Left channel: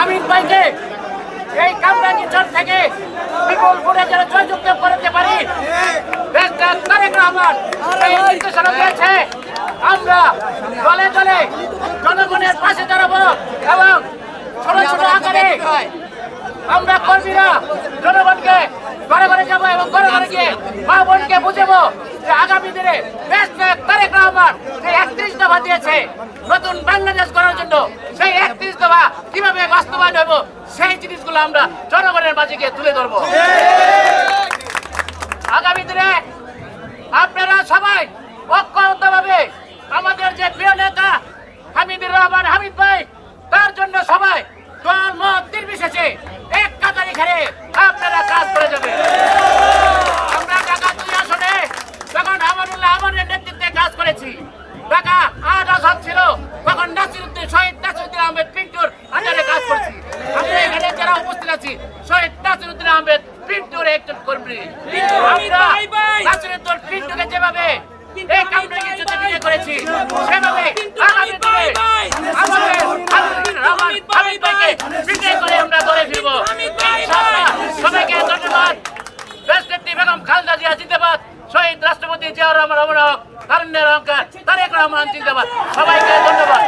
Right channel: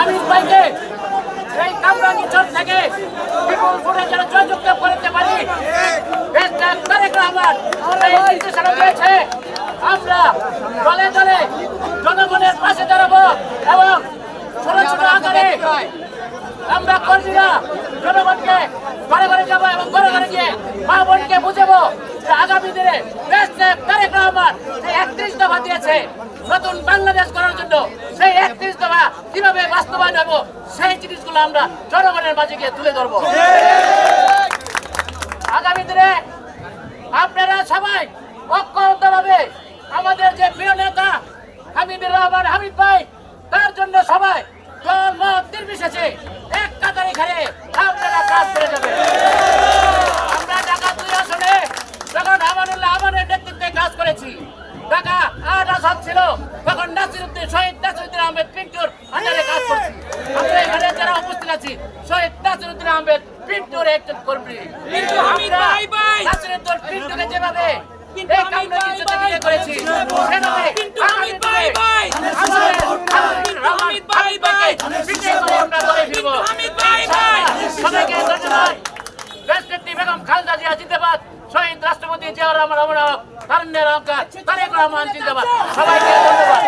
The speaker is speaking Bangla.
হামিদ ভাইকে এই কামরাঙ্গিচর থেকে বিপুল ভোটে যেন জয়যুক্ত করতে পারি। তারেক রহমান এই নির্দেশনা দিয়েছে আমরা দলে দলে জনগণের পাশে দাঁড়াবো এবং ছোট ছোট আকারে আমরা কর্মীরা জনগণকে ঘরে ঘরে যাব এবং ঘরে ঘরে গিয়ে মা বোনকে বুঝাবো যে আগামী দিনে দেশ নায়ক তারেক রহমান যে একত্রিশ দফা দিয়েছে। নতুন বাংলাদেশ করার জন্য সেই একত্রিশ দফা কীভাবে বাস্তবায়ন হব, সেই জিনিসগুলো আমরা জনগণের মাঝে গিয়ে তুলে ধরবো। আগামী দিনে আপনারা সবাই ঐক্যবদ্ধভাবে আমাদের যে প্রিয় নেতা হামিদুর রহমান হামিদ ভাই, তার জন্য সবাই দল, মত নির্বিশেষে এক কাতারে ঘরে আপনারা কাজ করে যাবেন। আমরা ঢাকা দুই আসনে যখন আমানুল্লাহ আমানের নেতৃত্বে কাজ করেছি ঢাকা আট আসন ছিল। তখন নাসিরুদ্দিন শহীদ নাসিরুদ্দিন আহমেদ পিন্টুর আন্ডারে কাজ করেছি। আমরা এখানে যারা উপস্থিত আছি শহীদ নাসিরুদ্দিন আহমেদ পিন্টুর একজন কর্মী। আমরা নাসিরুদ্দিন পিন্টুকে যেভাবে এই কারণে কিছুতে করেছি সেভাবে আগামী দিনে আমাদের রহমান হামিদ বিক্রি করে আমরা দলে ফিরব। সবাইকে ধন্যবাদ। রাষ্ট্রপতি বেগম খালেদা জিয়া জিন্দাবাদ। শহীদ রাষ্ট্রপতি জিয়াউর রহমান অমর তারুণ্যের অহংকার তারেক রহমান জিন্দাবাদ সবাইকে ধন্যবাদ।